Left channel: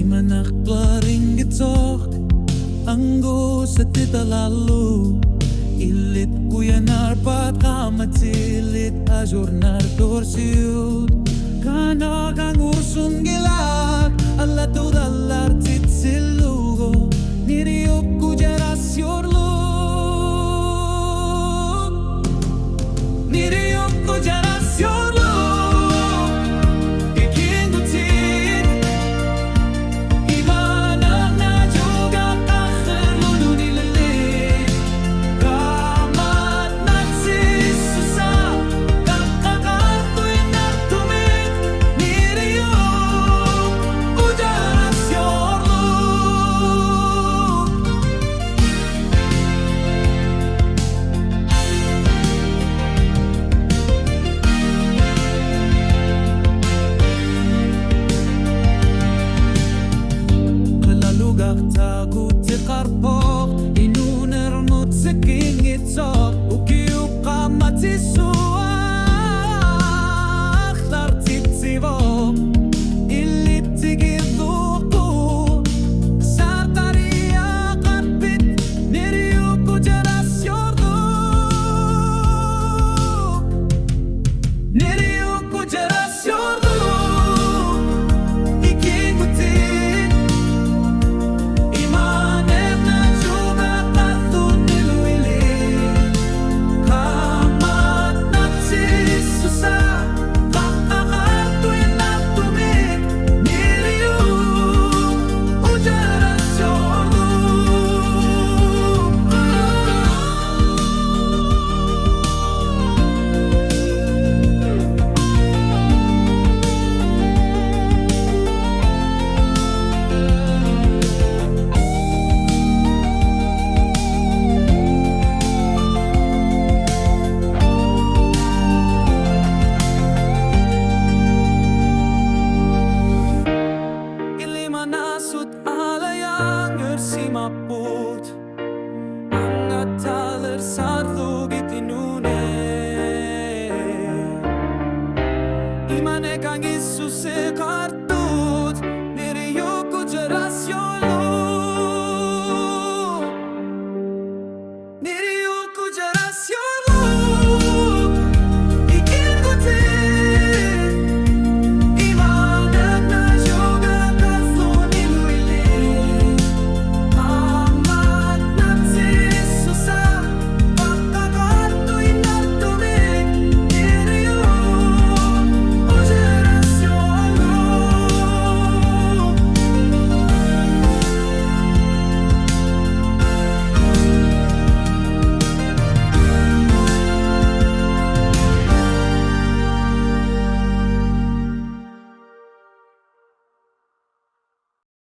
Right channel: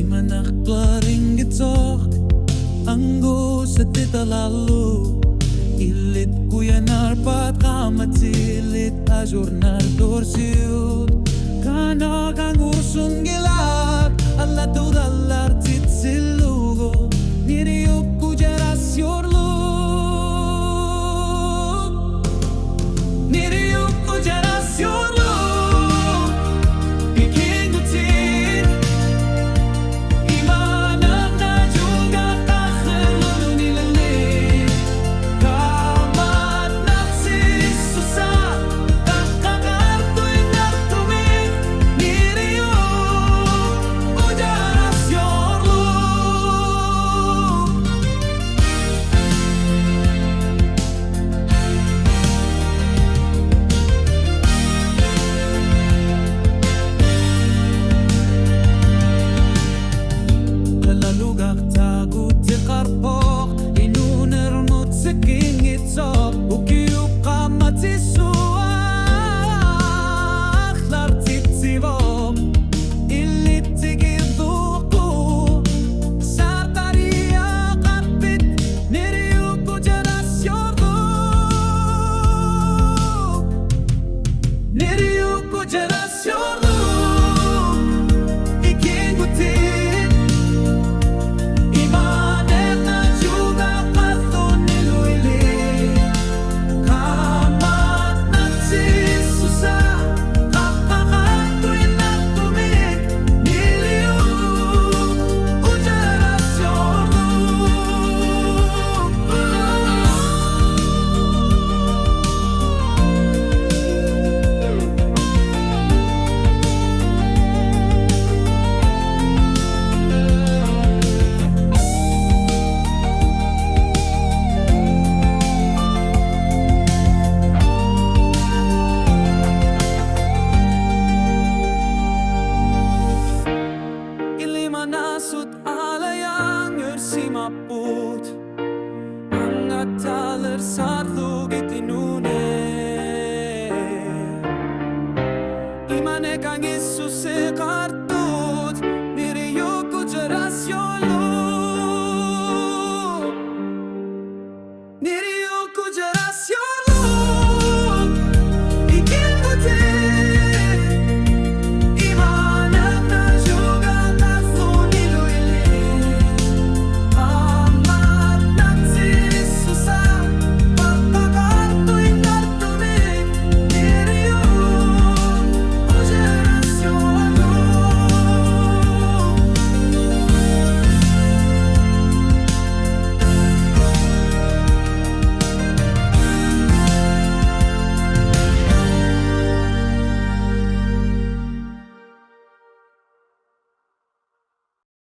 Imanak plaringitok anggo sa tita lalu ilit kuya narpat kamatilit a jornar torsiut kana kang ursung gilak alla tudalar titsilugo niriuk kujeras yorluk niriuk kujeras yorluk lugak tagut ti karpok inuner mot seking itsok ukiup kamatisuak lar titsivok ilit tigiduku sartaria karpit niriuku jeras yorduk niriuku jeras yorduk iking gutit Manasut alayang ersimaput angat taler sarlugit inune imane kang Isus kartut niriyuku jeras yolo